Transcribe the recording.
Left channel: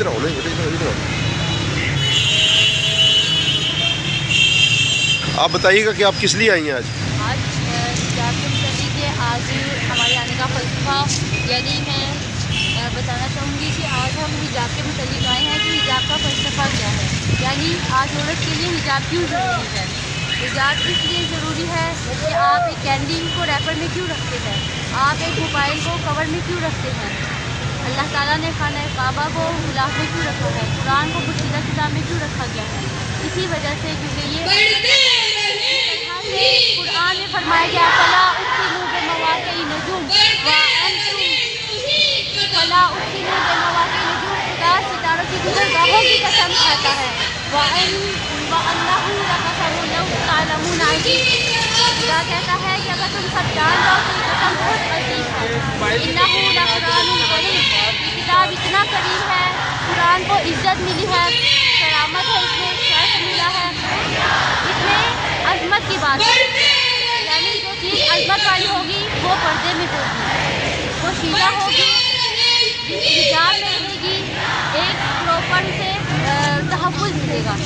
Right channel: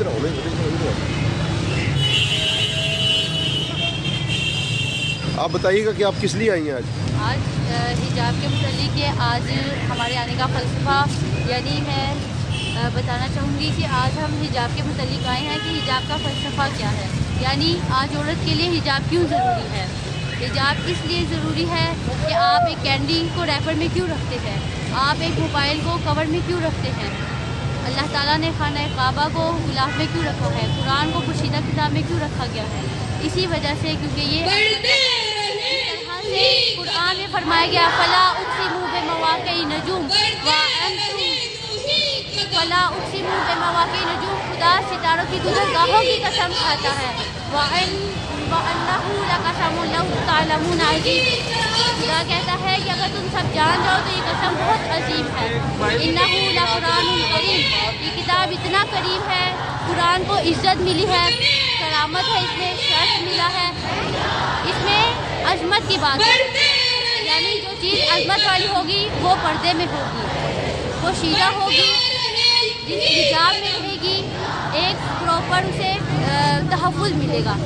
ادھر آؤ ادھر آؤ. آپ بتائیے گا کہ آپ کس لیے آئی ہیں آج؟ حجاب کے متعلق آج ہمارے آنے کا فلسفہ، یعنی میں بتانا چاہوں گی کہ آج ہم حجاب کے متعلق آئے ہیں کہ حجاب کا فلسفہ کیا ہے، یعنی آج عورت کے لیے حجاب کیوں ضروری ہے. حجاب اس لیے ضروری ہے کہ آپ ایک کینڈی کو ریپر میں کیوں رکھتے ہیں، آپ ایک موبائل کو کور میں کیوں رکھتے ہیں، اللہ تعالیٰ نے خانہ کعبہ کو غلاف میں کیوں رکھا ہے، قرآن کو پوشیدہ کتاب میں کیوں رکھا گیا ہے. اسی وجہ سے کیونکہ یہ قرآن میں فرمایا گیا فلا اقسم بمواقع النجوم وانتم فلا اقسم بمواقع النجوم، خدا ستاروں کی گزرگاہوں کی قسم کھاتا ہے. وَأَنَّهُ لَقَسَمٌ لَوْ تَعْلَمُونَ عَظِيمٌ، خدا کہتا ہے کہ اگر تم سب جان جاؤ تو یہ قسم بہت عظیم ہے. إِنَّهُ لَقُرْآنٌ کریم، یہ کتاب اتنا کریم ہے، قرآن کو عزت ملی ہے، کرامت ہے، اس میں شرف ملا ہے، اس میں عظمت کی بات ہے. یعنی جو چیز عظمت والی ہوگی وہ پردے میں ہوگی، وہ شیدہ ہوگی، حجاب میں رہے گی، ایک پراپر اسے تحفظ ملے گا.